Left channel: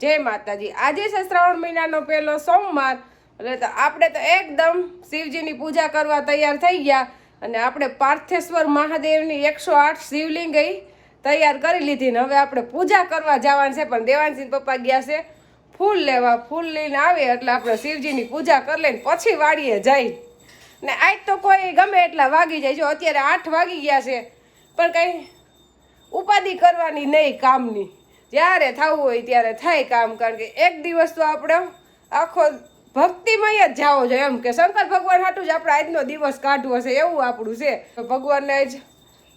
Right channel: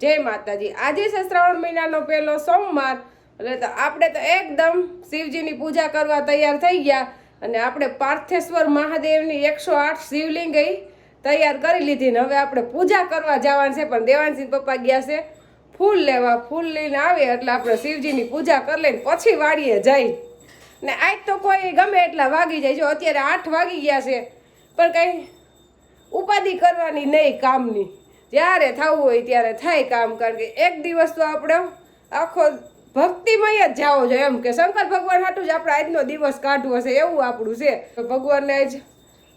જય માતાજી। આજે છે શ્રાવણ મહિનાનો પહેલો સોમવાર, એટલે તો આપણે તો એકદમ શિવજીની પૂજા કરવા તૈયાર થઈ ગયા અને આપણે પાર્થેશ્વર મહાદેવની 108 શિવલિંગ તૈયાર કરી લીધી ને હવે આપણે પૂજા કરવા જવાનું છે। પણ દેવાંશી પપ્પા ગયા છે ફૂલ લેવા, ફૂલ લઈને આવે એટલે આપણે શિવજીની પૂજા કરી લઈને પછી વાડીએ જાય ને આજ તો કોઈ ગમે એટલા વાગી જાય। જો અત્યારે 8 વાગી ગયા છે પણ કંઈ ઉપાધિ કરવાની નહીં કામની, જ્યારે થવું હોય ત્યારે થાય કામ। કારણ કે એક દિવસ તો આપણે આખો ભક્તિમય જ જાવો જોઈએ, એમ કે શંકર ભગવાન હાટું જ આપણે આજનો દિવસ કાઢવો છે એવું આપણું છે। તો ભગવાનને જ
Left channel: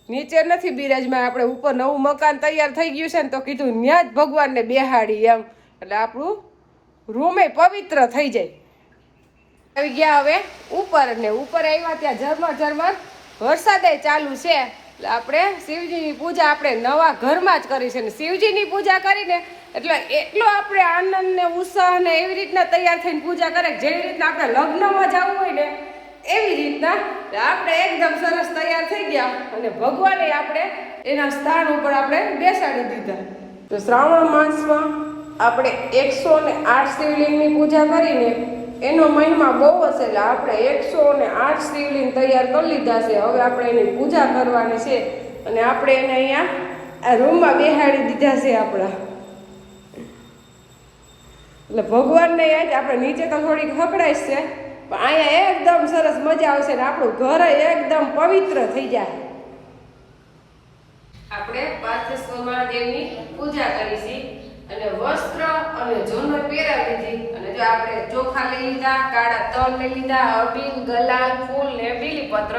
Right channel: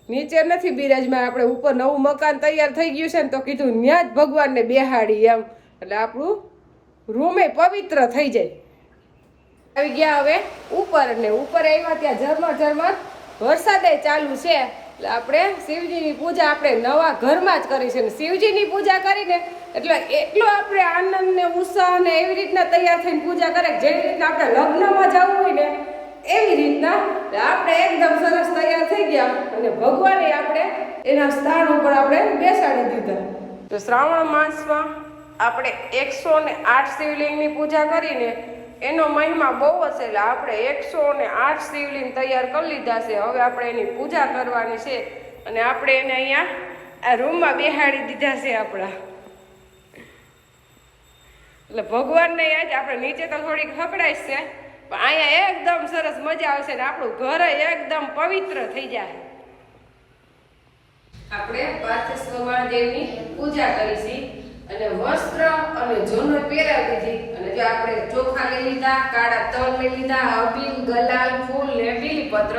નીચે નથી બિરાજમાં, આપણે ઉપર નવું મકાન તૈયાર થઈ ગયું છે ને તો કીધું ત્યાં જ ભગવાનને બેહાડી એમ, એટલે આપણું રૂમે પવિત્ર થઈ જાય। આવી ગયા હવે ઉપર ને ઉપર આવ્યા ત્યાં ઝરમર ઝરમર વરસાદે ચાલુ છે, એટલે આપણે શિવજીની પૂજા આપણે નવા ઘરમાં જ કરી છે ને શિવજીની પૂજા કરીને એટલે એટલો આપણે આનંદ ને ઉત્સાહ ને એવી રીતના તૈયાર થઈને પૂજા કરે જેવી રીતના આપણે લગ્નમાં જવું હોય ને એવી રીતના આપણે એકદમ સરસ તૈયાર થઈ ગયા અને ભગવાને આપણે એના સ્થાન ઉપર આપણે બેસાડી દીધા। તો શ્રાવણ માસમાં આપણે 108 શિવલિંગની પૂજા કરીને એનો મહિમા બહુ હશે, એટલે આપણે 108 શિવલિંગ તૈયાર કરી લીધા છે। હવે આપણે એની પૂજા કરવાની છે અને આપણે એને અહીંયા આ રૂમમાં બેહાડી દીધા છે આપણા, એટલે ભગવાનને આપણે નીચે તો થોડીક હકડાઈશ છે પણ અહીંયા એકદમ સરસ મજા આવશે ને આપણું ઘર એકદમ પવિત્ર થઈ જાય। આપણે પાર્થેશ્વર મહાદેવની પૂજા કરીશી અને વસ્ત્ર અને ઝુંડ પહેરાવી દીધી અને જો આપણે ચોખા લઈ લીધા, કાળા તલ લઈ લીધા, અબીલ, ગલાલ, ફૂલ ને બીલીપત્ર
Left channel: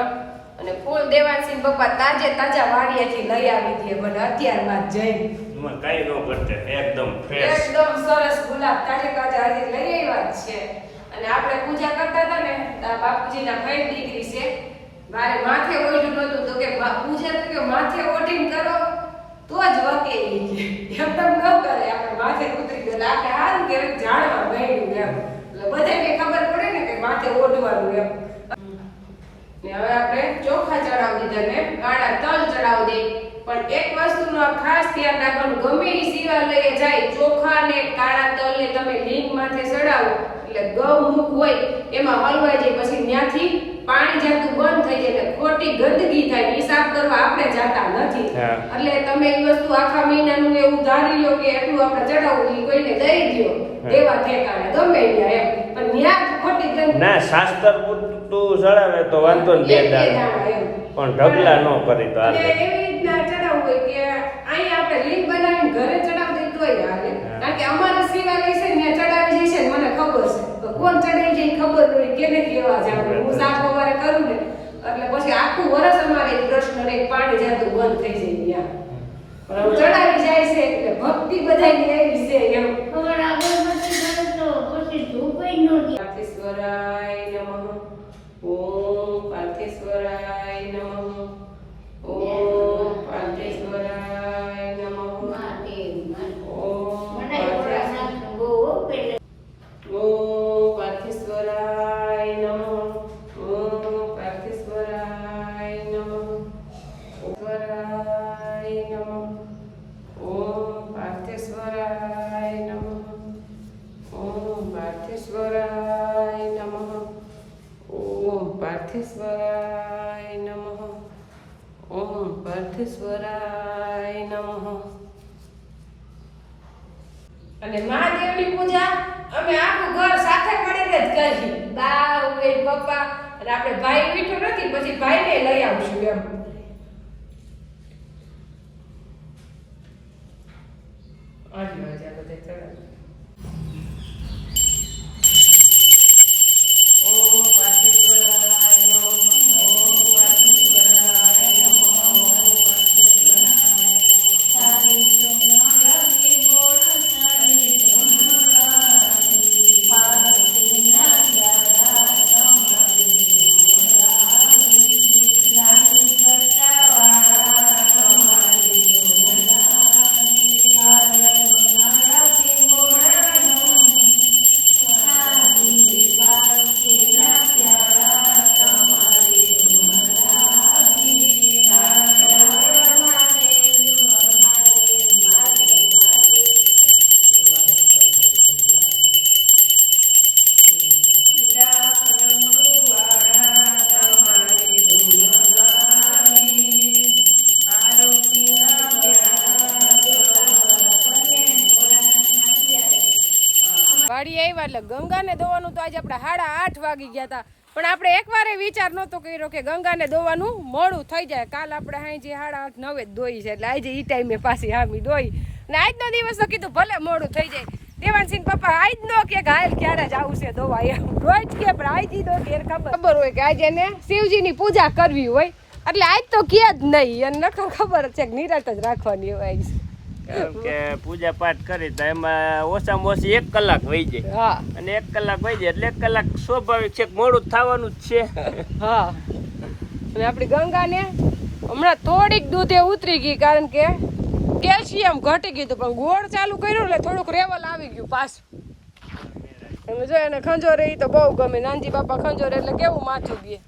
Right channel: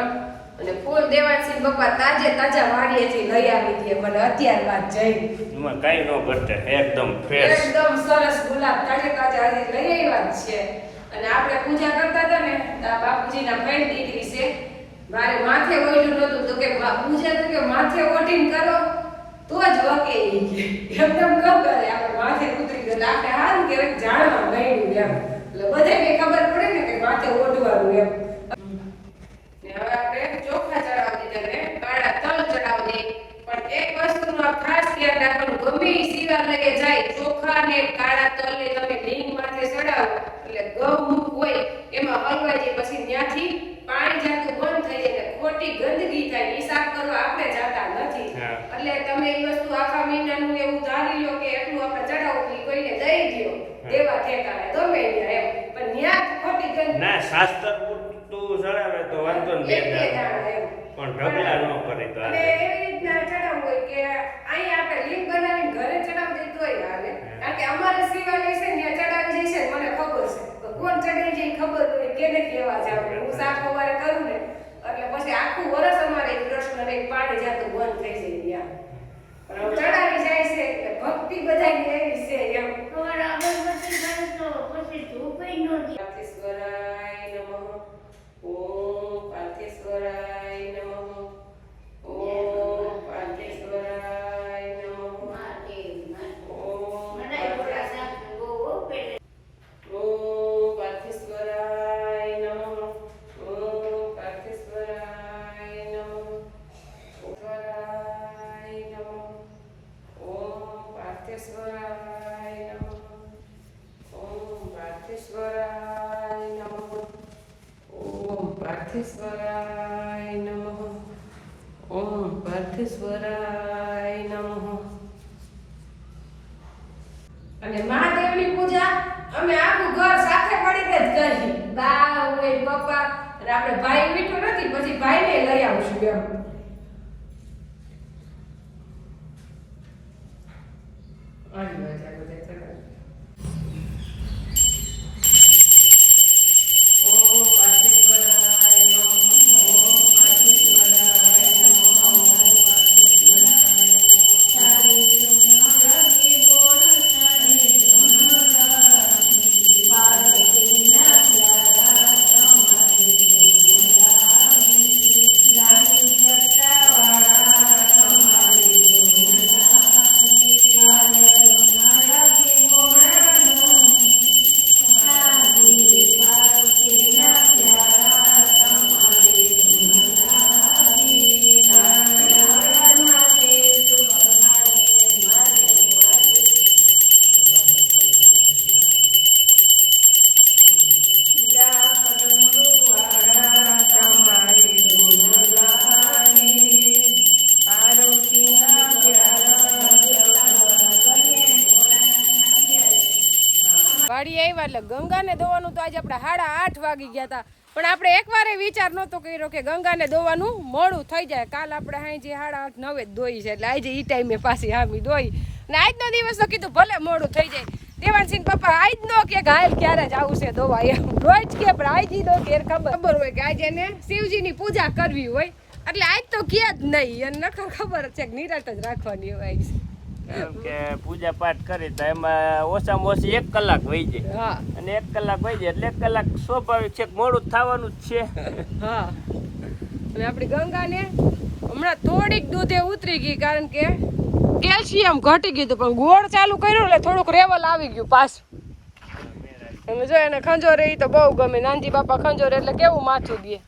અને ફૂલ દેવાંશી પપ્પા તાજા વાડીએથી લઈ આવી હતી મને અત્યાર વાત જઈ એમાં કાઈ નો ઘટે, એકદમ ફ્રેશ એકદમ સરસ ગુલાબ તાજા આજે લઈ આવ્યા છે। અને આપણે પૂજા કરતા હતા ને બાપુજીના ભાઈ દીકરી છે, મારે માથે ઓઢ્યું નહોતું તો કે પૂજા તો કે માથે ઓઢીને કરો તો જ વકે એકદમ ન કરે, આપણે માથે ઉતરી ગયો આપણે હાલ કે જાણવા ગયું એમ, એટલે બધાને ખબર પડે ને કે માથે ઓઢવાનું એમ। ને હવે આપણે ચોખા ચડાવી દીધા ને કાળા તલ ચડાવી દે, પણ એક વસ્તુનું ખાસ ધ્યાન રાખવાનું, ગમે એ શિવાલયે જાય ચોખા ને કાળા તલ ને તમે લિંગ માથે ચડાવો એટલે ગૌમુખ હોય એમાં હલવાઈ જાય, પછી ત્યાંથી પાણી જાતું બંધ થઈ જાય એટલે ખોટી ગંદકી થાય, હિસાબ કરવા આપણે જાતા નથી। એટલે તમે એ વસ્તુ આખા મહિનાનું એવું ધારી લો કે એટલું આપણે ચડાવવું એ કોઈને દઈ દો દેવા ઠેકાણે ગમે ત્યાં એમ, પણ ત્યાં ખોટી ગંદકી ના શાસ્ત્ર પૂરતું ચડાવે તો વાંધો ને બે દાણા પણ ઢગલા ન કરી તો હાલે। એવી રીતના ચડાવવું હોય કે અહીંયા આપણે લિંક બનાવીને ઘરે ચડાવી દઈ તોય હાલે, કારણ કે અમારે શિવાલય છે ત્યાં ચડાવી જાય છે મને ખબર છે, કોણ ચડાવી જાય ખબર હોય કેને લેવા જાવ, હું સાફ સવારે કરું ને એટલે પછી આખું વર્ષ અમારે કૃષ્ણ ને પાણી જાતું બંધ થઈ જાય ત્યાં, પણ ચડાવી જાય છે એટલે ભક્તિ બધાની એવી છે એમ। ખબર અગરબત્તી કરે તો પછી ધૂપઈ નો દે। પાર્થેશ્વરાય નમઃ, ઓમ પાર્થેશ્વરાય નમઃ, ઓમ પાર્થેશ્વરાય નમઃ, ઓમ પાર્થેશ્વરાય નમઃ, ઓમ પાર્થેશ્વરાય નમઃ, સ્વરાય નમઃ, ઓમ પાર્થેશ્વરાય નમઃ, ઓમ પાર્થેશ્વરાય નમઃ, ઓમ પાર્થેશ્વરાય નમઃ, ઓમ પાર્થેશ્વરાય નમઃ। અને મહાદેવની પૂજા અમે આખું ઘર સાથે મળીને જ કરી, બા હોય પપ્પા અને આપણે ભાઈ મીઠો નથી પછી ભાઈને લઈ આવશું એમ। આટલું જ આ બધા ચડાવી ઓમ પાર્થેશ્વરાય નમઃ, ઓમ પાર્થેશ્વરાય નમઃ, ઓમ પાર્થેશ્વરાય Hare વાડી આવ્યા એટલે ગંગાને દોવાનું તો આજે આપણે 8:30 વાગી ગયા હતા, પણ આપણે એકવારે વિચાર નહોતો કર્યો કે ગંગાને દોવાનું મોડું થઈ જાય. કાલ આપણે હાંજે 8:30 9 જ દોઈ છે, એટલે આજે ઈ ટાઈમે પાછી હામી દોઈ. ને આજનો દિવસ તો કીધું ભલે મોડું થઈ જાય. દેવાનસિંહ પપ્પા આજ નો કે હાલ ક્યારે જ આવું છે દોવા, એમ રોજ કે પણ આજ ઈ દો કે ખબર હોય કે આજે એને શિવજીની પૂજા કરવી હોય, એટલે આજ તો કે જ નહીં. અને નકર ખબર છે કે નિરાત જ રાખવાની હોય આજ. કે પૂજા પાઠ કરી તો એમાં ઓછામાં ઓછી 1 કલાક વહી જાય. હા, અને 1 કલાક વહી જાય એટલે 1 કલાક સ્વાભાવિક છે, મોડું થવાનું જ છે. હા. અને આપણી ગંગાને હમણાં થોડીક દૂધે ઉતરી ગઈ, કારણ કે કેલ્શિયમ ઘટી ગયું હતું, પણ ગોળ ચાલુ કર્યું એટલે થોડુંક રેવલ આવી ગયું પાછું. અને જો એને ખંજોરે ઈ તો બહુ ગમે. નાનજી બાપા ખંજોરે એટલે કેવું માથું દે,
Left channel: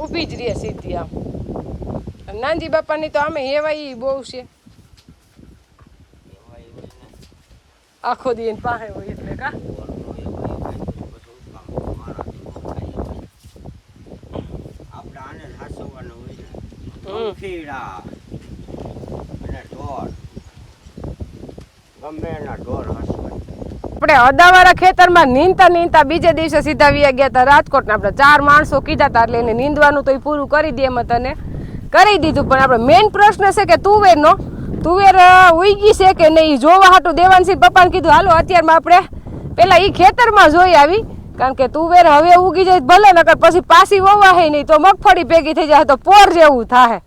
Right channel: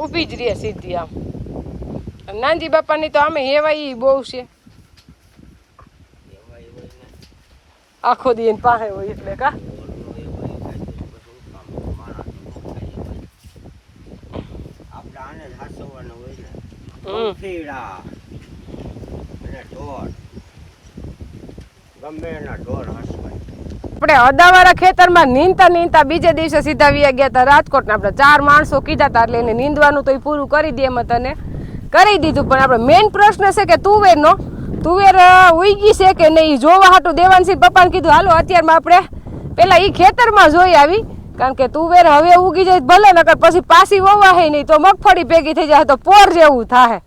ઊભી જ રહે સીધી આમ. નાનજી બાપાની તો આમે હેવાઈ બહુ છે, આખો દી એની પાસે હોય એટલે કા. આપણે અદાવાળા ખેતરમાં નીંદતા બીજે દિવસે સીધા વ્યા ગયા હતા રાજકોટ. આપણે 4 માણસો કીધા હતા એટલે એને નીંદવાનું તો એ પૂરું કરી દે એમ તને કરી દીધું. પણ આપણે મેઇન પ્રશ્ન છે કે તુવેર ઉગી છે કે નહીં જોવા હાટું દેવાનસિંહ પપ્પાને કીધું હાલો અત્યારમાં આપણે પેલા ઈ ખેતરમાં જોઈ આવી, કારણ કે તુવેર હવે ઉગી જાય ભલે, નકર પછી પાછી વવાય નહીં તો મગફળી ભેગી થઈ જાય તો પોર જેવું થાય.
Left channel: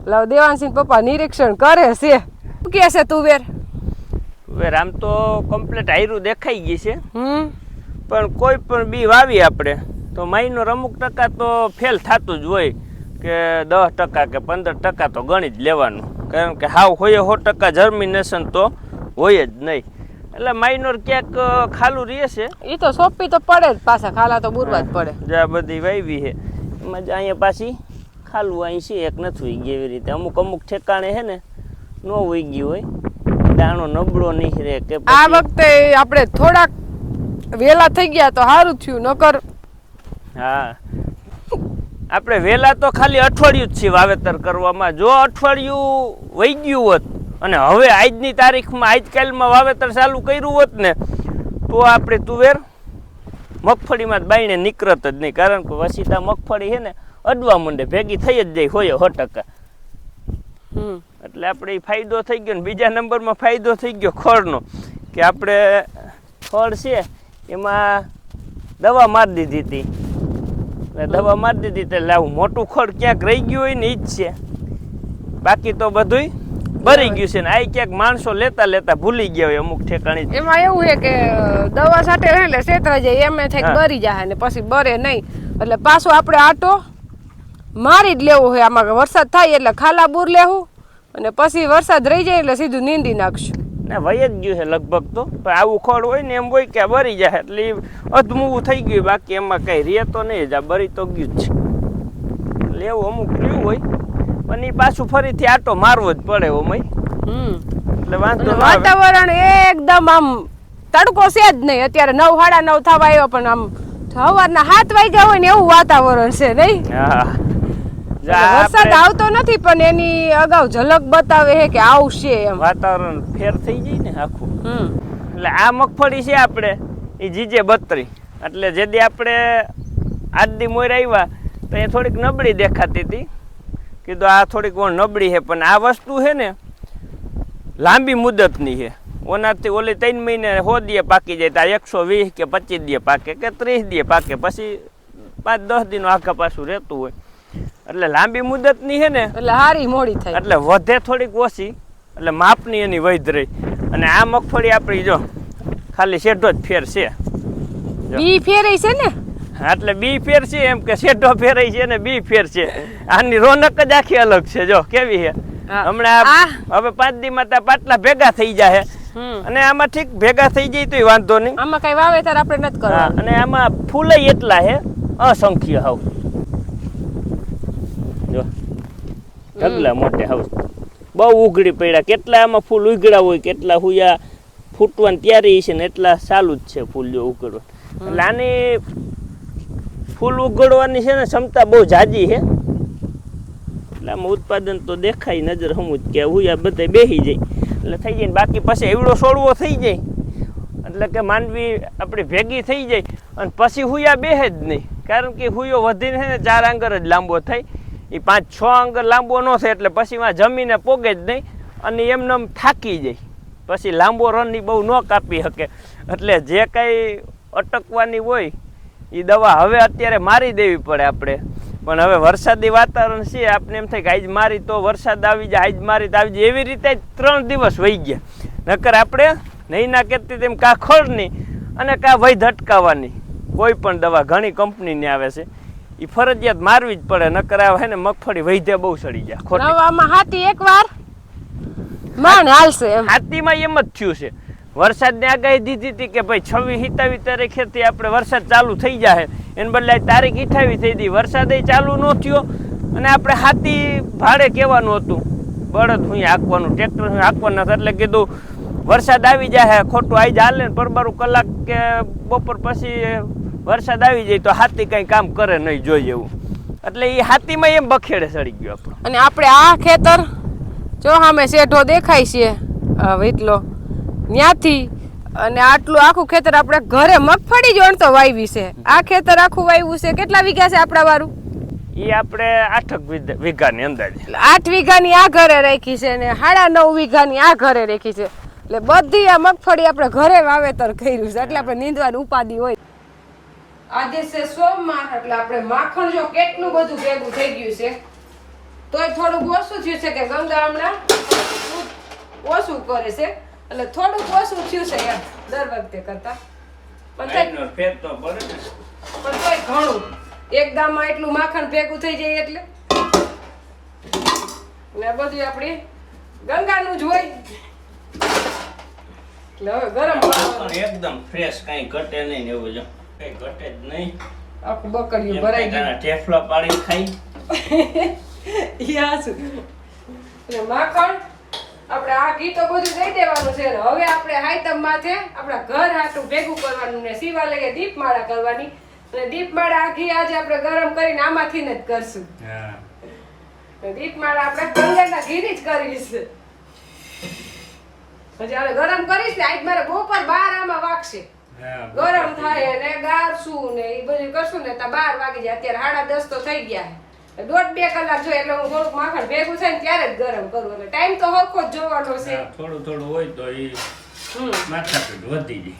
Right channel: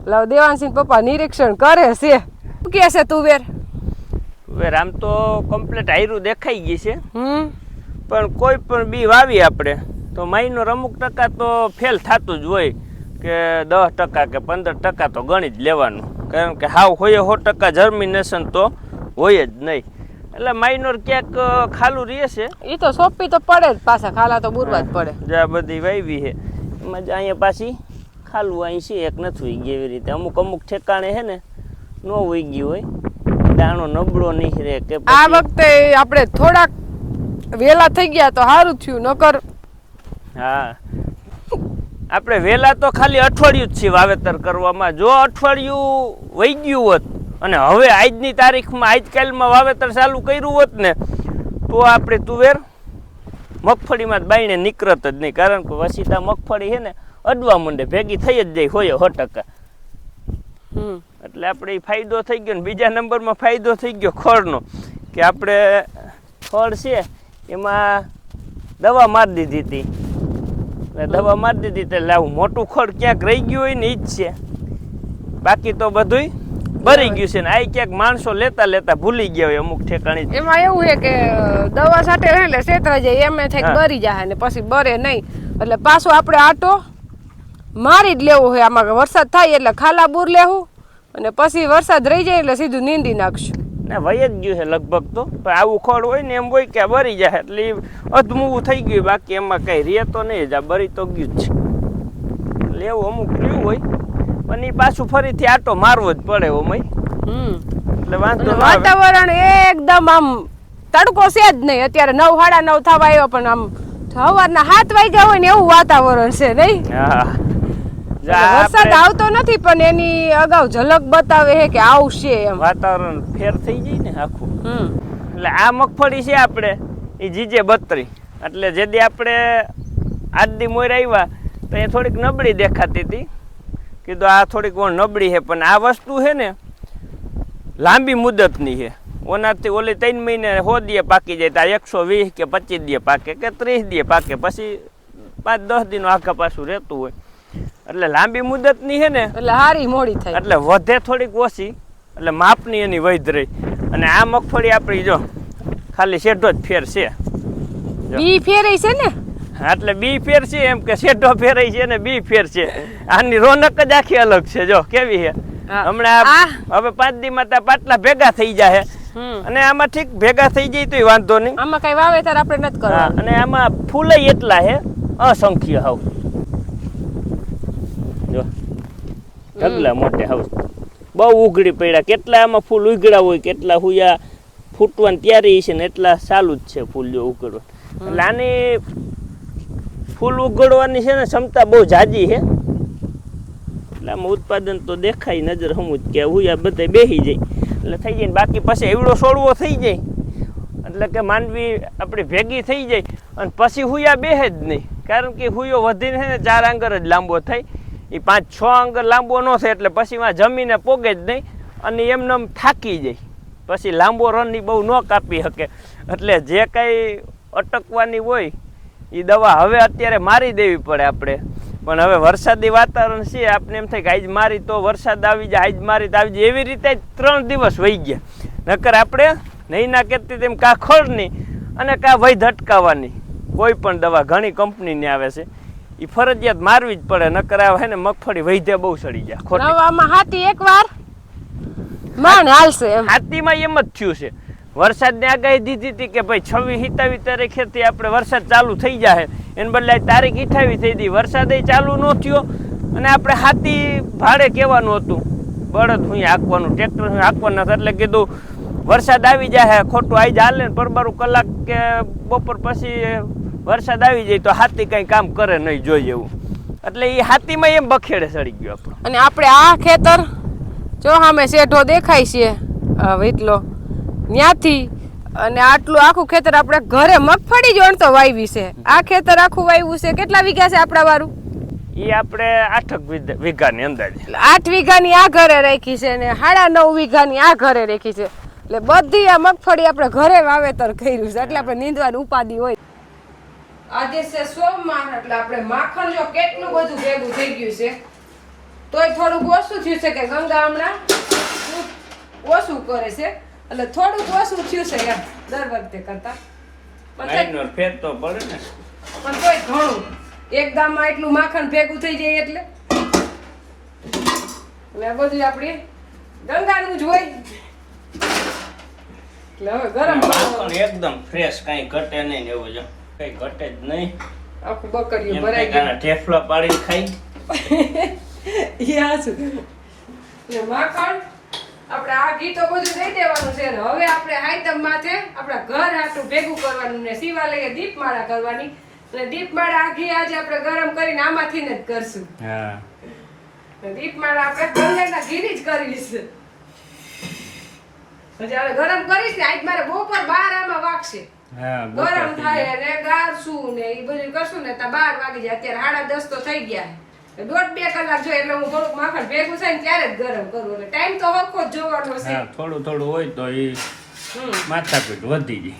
એટલે દેવાનસિંહ પપ્પા નિરીક્ષણ કરે છે. શું કે છે તુવેર? તુવેર આમ તો કમ્પ્લીટ હાયરું દેખાઈ ગઈ છે, પણ કોઈ પણ બી વાવી આપણે તો મહિનો અમુક ટકા તો ફેલ થતું જ હોય, કે 10% કે 15% તો ગણી જ લેવાનું, કારણ કે હાવ હોય 100% જર્મિનેશન તો હોય જ નહીં. એટલે માઇનોર ક્યાંક ખાલું રહે છે. એ તો સોંપી તો પડે જ, પાછા ખાલા તો બુરવા જ પડે. જ્યાં બધી વાવી છે એમાં જ અહીંયા પાછી ખાલું અહીં છે, એક નથી ઉઈ ગઈ. એવી રીતે અમુક ઠેકાણે છે ને ન ઉઈ ગયું હોય, દાણો નબળો નહીં રહે કે. આ વખતે આપણે થોડાક વેલા થઈ ગયા તો સારું થયું, નકર. હા, આપણે વેલા તો ખાલી અઠવાડિયું જ છે વાવેતર કરવામાં. જો અઠવાડિયું વહી ગયું હોત અને હવે આજની તારીખમાં આજકાલમાં વાવેતર ચાલુ કર્યું હોત ને તો આપણે તુવેર મગફળીમાં જ બાયણે નીકળત જ નહીં, કારણ કે વસીતા મગફળી છે ને અડવા માંડે, ભેગી થઈ જ જાય 100%. એટલે આપણે ફાયદો થઈ ગયો ને બીજા નંબરમાં ફાયદો થઈ ગયો ખળનો, કે આપણે ખળ છે એમાં દવા મારી દીધી હતી. દવા મારી દીધી એટલે આવું મોટું ખડ ક્યાંક રહી ગયું હોય ને ઈ જ છે, બાકી તો બધુંય ભરી ગયું છે. ને આ ક્યાંક માણસો લેતા ભૂલી ગયા હોય અમુક ઠેકાણી. એમાં એવું છે કે દવા સાથે એટલે શેતરાઈ જાય એમ થાય બરી જાય ને પછી બરે નહીં, એટલે પાછો આપણે આટો મારી જ લેવો હોય. આમાં વરસાદ થાય એટલે ખાલા બૂર લેવું, અને પછી વરસાદ રહી જાય એટલે સીધું નીંદી નાખશું. ના વહી જ ગયું છે લગભગ તો, પણ આવું ખડ હોય ને એમ હોય કે બરી જાય એટલે અધમૂવું થઈ ગયું, બાકી એમાં કઈ રે તો નહીં જ, આ બરી તો ગયું જ છે. એટલે એવું અમુક રહ્યું હોય, પણ એ પાછું ફરીથી આટો મારવો જ પડે ઓમય. એટલે વાંધો વાતાવરણ એકદમ આમ તડકો છે જ નહીં. અત્યારે 9 9:30 થવા આવ્યો, પણ આમ સવારના 7 વાગ્યા હોય ને એવું વાતાવરણ છે નહીં. હા, વરસાદ આવતો નથી પણ એની અગાઉ ઝલક બતાવે છે કે આવશે એમ. વાતાવરણ ફેર થઈ જાય ને આખું. એટલે આ મગફળી છે આપણે એ જીજે 32, એટલે જેદી આપણે આજથી મોર આવ્યા તો એ થોડીક નબળી દેખાતી હતી. કીધું આ થોડીક નબળી છે, પણ આ વસ્તુ છે ને લાંબી મુદતની છે. ઓનાથી ઓલી 3 મહિને 100 દીએ પાકી જાય, તો 120 કે 25 દીએ પાકે કે 30 દીએ પાકે, પછી 5-10 દીનો આખા પાછું રહેતું હોય. એટલે લાંબી મુદતની છે ને એટલે હારી મોડી થાય, એટલે વધે થોડીક ઓછી, એટલે માપની એની વૈધ રહી. અને આ મગફળી આપણી જો ખાલી શેઢો જ ફેર છે, બી ફેરાઈ છે ને, એટલે બી ફેર છે એમ કે શેઢો ફેરાઈ છે ને બી ફેર છે. આની રોનક જ આખી અલગ છે. જો કેવી છે હમણાં હવે 5 દીમાં ત્યાં પાટલા ભેગા થઈ જાય, અને આમાં ઠીક ભેગા થઈ જાય તોય વાંધો નહીં. આમાં કઈ વાવેતર આપણે નથી કરવાનું. અને આમાં ફૂલ એટલા છે અસંખ્ય હાવ. જો ઢગલા મોટે હાવ બહુ ઉઘડી પડ્યા. કેટલા આમાં ફૂલ ઉઘડા હોય, કેટલા હુયા ફૂટવાની તૈયારી છે ને એટલા ચાલુ જ છે ફૂલ જો ઉઘડવા. એટલે આની ફૂલ ઉઘડવાની છે ને ક્ષમતા બહુ જાજી છે. એટલે આમાં ઉત્પાદન તો દેખાય નજર હમું જ કે હુયા બધા બેસી જાય. એટલે થઈ જાય ને બાકી પછી એવડો છોડવો થઈ જાય એટલે કે માંડવી આપણી ભેગી થઈ જાય અને પછી હુયા બેહે જ નહીં, કારણ કે હુયો વધીને છે ને 4 આંગર જ લાંબો થાય, એ 5-6 આંગર લાંબો ન થાય એટલે પછી માં જમીને પોગે જ નહીં અને એમને એમ થાકી જાય, પછી લાંબો રન એ બહુ ન કાપી શકે. એટલે જે કાંઈ અટકવાની હોય એ દવા હવે અત્યારે મારી દેવી પડે આપણે, પણ હવે વરસાદી વાતાવરણ છે, આપણે એમ થાય કે આજ મારી તો વરસાદ આવી જાય, આજ મારી તો આવી જાય, એવી રીતે 3 દિવસ વહી ગયા. નકર આપણે નહીં ના કહેતી તેમ કાં ખોળની અને કાં વૈધ અટકાવવાની કોઈ પણ દવા ઘણી કંપનીની આવે છે એ ફરજિયાત મારવી જ પડે, નકર આવે ને મગફળી વૈધે બહુ સડી જાય. ખોટી નવામાં હાથી એકવાર માન હાલશે એમ. હાથીમાં એમ જ થયું છે. વરસાદની આગાહી દીધી હતી કે ભાઈ 26-27 તારીખેથી આપણે વરસાદ ચાલુ થઈ જાય, એને બદલે તારીખ 28 થઈ હતી, વરસાદ ચાલુ ન થયો અને આપણે હાથી ભાડે કહેવાનું હતું, બળદ હું હાંકવાનું, ટ્રેક્ટર હું હાંકવાના હતા, એટલે કીધું વરસાદ આવી જાય ખોટું આવી જાય હાલે ને પરબારું કલાક કે બપોર પછી વરસાદ આવી જાય તો હાથી કંઈ કામ કરે નહીં જોઈએ એવું, એટલે એ હાથીમાં એમ બખેડે સડી ગયો આપણો. અને આપણે આ ખેતર જો સામે શેઢો દેખાય છે વીટલો ત્યાંથી, અને આટલું આખું ખેતર આપણે ઘરે મગફળી જ વણતો વાવી છે. આ ખેતર આખું વાવ્યું છે, કેટલા વીઘા છે આપણા વાળું? એ આપણે 8 વીઘાની અંદાજે, 8 વીઘાની આ ઘરે રાખી છે ને 9.5 વીઘાની આ ઘરે રાખી છે, એટલે બધી આ મગફળી આપણે ઘરે વાવેતર કર્યું છે, એટલે આપણે નીંદવાની ઉપાધિ હોય. આજે છે સોમવાર, એટલે આપણે માખણ જો કેટલું બધું ભેગું થઈ ગયું છે, તોય થોડુંક ઓછું થયું છે કે ગંગા હમણાં ઓછું કરે છે, એટલે થોડુંક ઓછું થયું છે દર વખતે કરતા, પણ તોય ઘણું એક ગામમાં એટલું માખણ ભેગું થઈ જાય એટલે બધું આપણી ગંગાનું જ હોય. એટલે હવે ગરમ એકદમ ફ્રેશ, કાંઈ ઘટે નહીં, એવું જો કઈ ઘટે જ નહીં, આખું બકડીયું ભરાઈ ગયું, ઠેફલા પાડી ખાઈ એટલે માખણ આપણે આ ઘી તો બધું દઈ દેવાનું છે. હવે આપણે હાઈતમ માથે આપણા ઘર હાટું ભેગું કરવાનું ને શિવાલયે દીપમાળા કરવાની, અને દીપમાળા આ ઘી આજે આપણે ગરમ કરીને આમાંથી જ કરશું. દીપમાળા આપણે ગંગાના ઘીની જ કરવી છે. પછી હવે ગરમ કરીશ ને આજ મારે બપોર 12 આમાં વાગશે, ગરમ થાય ને ગાળશું ને એ બધું કરશું ને તો 12 વાગી જાય. અત્યારે 10:30 તો થઈ ગયા, 1.5-2 કલાક જોઈએ એટલે હું થોડુંક માખણ ભેગું થાય ને ત્યારે જ ગરમ કરું, એટલે ટાઈમ તો હરખો જ જોવાનો છે. થોડું હોય તો એ માથાકૂટ વધી જાય.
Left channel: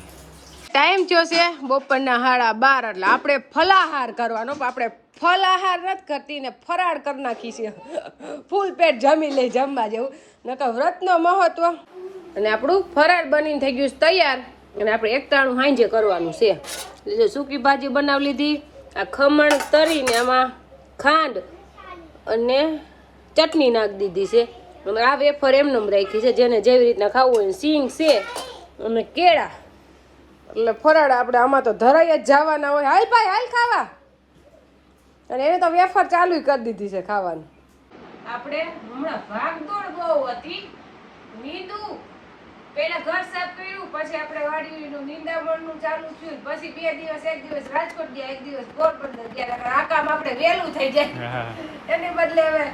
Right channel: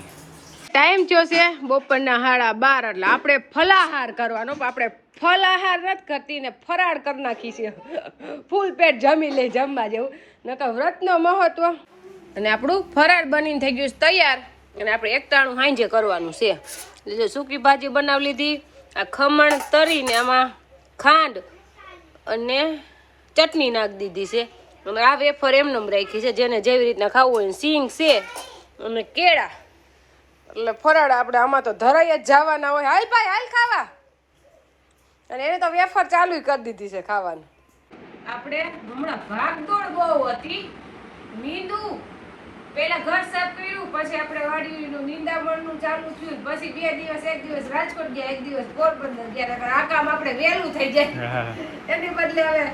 ટાઈમ થયો છે બપોરના 12:30, એટલે આપણે ફલાહાર કરવાનો. આપણે ફલાહાર નથી કરતી ને ફરાળ કરી નાખી છે, ફૂલ પેટ જમી લઈ જમવા જેવું, નકર વ્રતનો મહત્વ. અને આપણું ફરાળ બનીને થઈ ગયું તૈયાર, અને આપણે એકટાણું હાંજે કરવાનું છે. જો સૂકી ભાજી બનાવી લીધી, આ ખમણ તરીને આમાં ખાંડ અને ચટણી નાખી દીધી છે, અને આ વેફર એમનેમ રાખી છે, જેને જેવી રીતના ખાવું હોય. સિંગ છે અને કેળા, એટલે ફરાળ આપણે આમાં તો ધરાઈ જ જવાના હોય. હાલ ભાઈ હાલ ખાવા, અને એને તો વેફર ચાલુ કરી દીધી છે ખાવાનું. આપણે હમણાં ભાગદોડ બહુ હતી, નીંદું પેલા ઘર સાફ કર્યું, પછી આપણે વાડીનું નીંદામણનું ચાલુ થયું, પછી 2 દિવસ, એક દિવસ રાજકોટ ગયા, એક દિવસ પોરબંદર ગયા. આ કામ આપણે વહેલું થઈ જાય એને બદલે હવે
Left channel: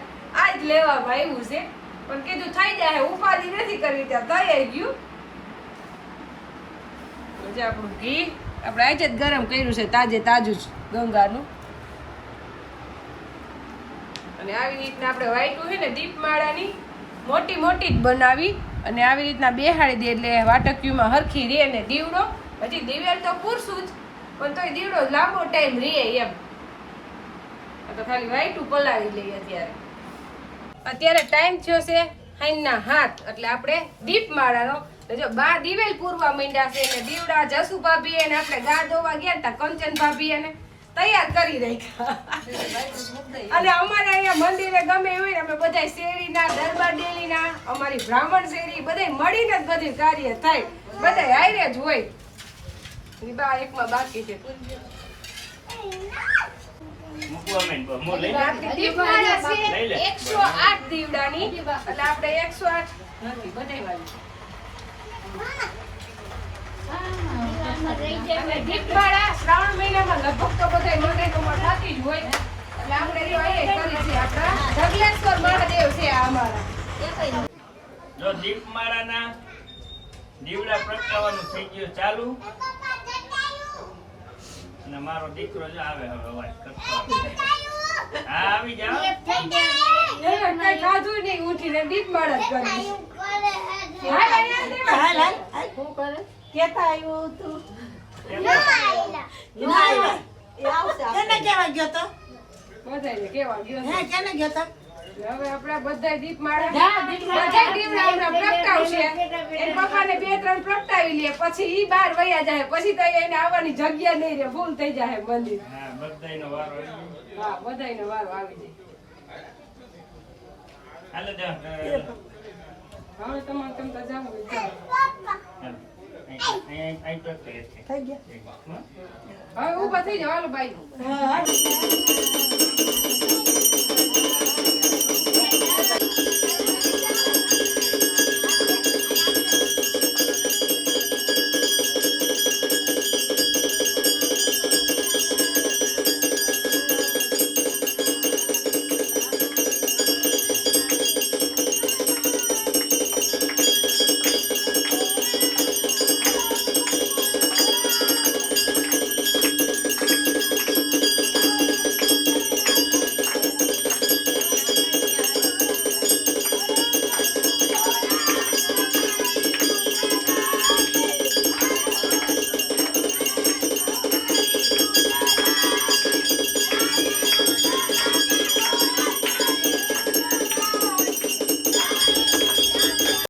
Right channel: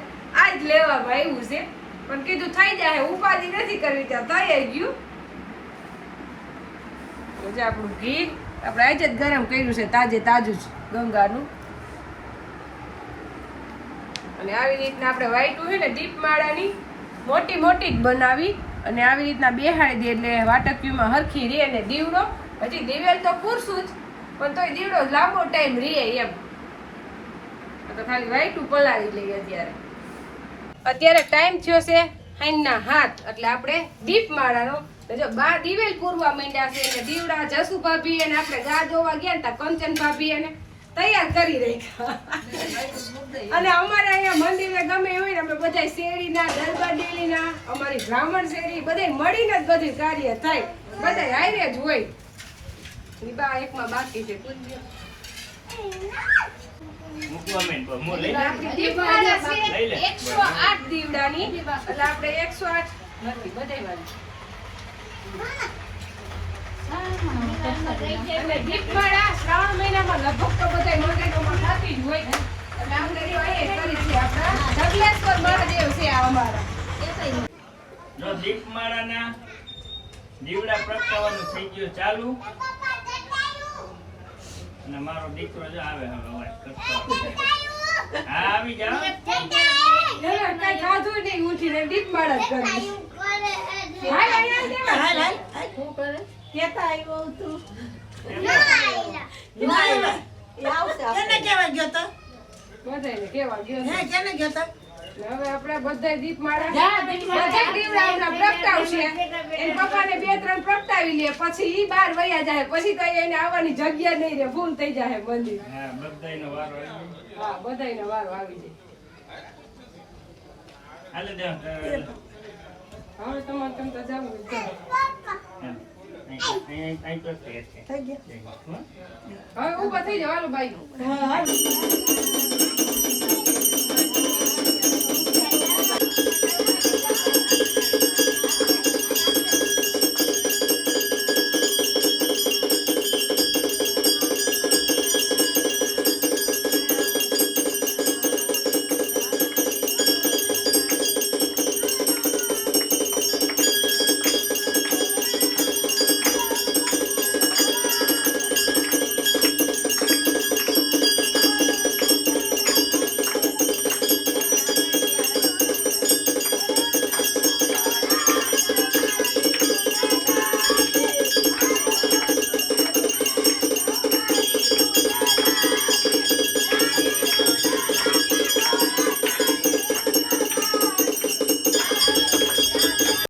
આજ લેવામાં આવ્યું છે, પણ કીધું થઈ જાય, ઉપાધિ નથી કરવી, ત્યાં થઈ આવી ગયું. આપણું ઘી આપણે આજે જ ગરમ કર્યું છે, તાજે તાજું જ ગંગાનું. અને આવી રીતના આપણે વાઈટું છે ને દીપમાળાની મોટી મોટી જ બનાવી, અને આવી રીતના બેહાડી દે એટલે વાટકીમાં હરખી રે. અને દીવડો હજી દિવેલ તો પૂરશું જ, પણ તોય દીવડો લાંબો ટાઈમ રે એમ. તો ખાલી વાઈટું પલાળી લઈએ. અત્યારે ટાઈમ થયો છે 7:30, એટલે આપણે દીપમાળાનો. જો બા દિવેલ પૂરવા માંડ્યા છે, અને દીવડા જસુ ભાભી અને આપણે ગા ધોવા ગયા ને તા કંચન ભાભી એને તૈયાર કરી રાખ્યા. અને અમારે અહીંયા મંદિરે ગમે હોય, અમે બધા શેરીના, દરબાર ડેલીના, અમારી બ્રાહ્મણ શેરી બધા મળીને જ બધું કાર્ય થાય, બધા હારે જ હોય. બા એકમાં બાકી છે. 108 દીવડાની, એટલે આપણે 108 નથી બધાય. અને દીપમાળા શ્રાવણ મહિનામાં લગભગ તો બધા મંદિરોમાં થતી જ હોય, એટલે આપણે કરી છે. આપણા ઢગલેશ્વર મહાદેવ છે આ અમારા. જો દીપમાળાના દીવડા પ્રગટાવવાનું થઈ ગયું ચાલુ. અને મારો દીકરો જો આવે હવે અવાજ કરતો આવે. હા આવી જાઓ. એને કઈ ખાધું નહીં, ઉઠીને દીપમાળ જ કરી. હાલ, હાલ, હાલ, દેવા. હાલ, હાલ, હાલ. શું કરે? કેતા આવ્યું તું. એ આવશે આપણે. કેને કહેવા ગયો તો? બધાયને કેવા ગયો છે. હે, કેને ગયો તો? ને હવે આપણે બધાય દીપમાળા બધાય દીવડા હમણાં પ્રગટાવશે. એના પપ્પાને 2-3 પ્રગટાવી લે, પછી ઈ બહાર વયા જાય, પછી તો એને આવવાની જગ્યા નહીં રહે, ફૂલ થઈ જાય મંદિર. હા બધાયનો વારો આવી ગયો. હા, બધાયનો વારો આવી જાય. હાલે દે હવે તમારે તમ તો જવું હોય તો. અહીં તો છે. થઈ ગયો. હો? હવે ઊભા થઈ જાવ, હાલો બાઈ. હા, હા.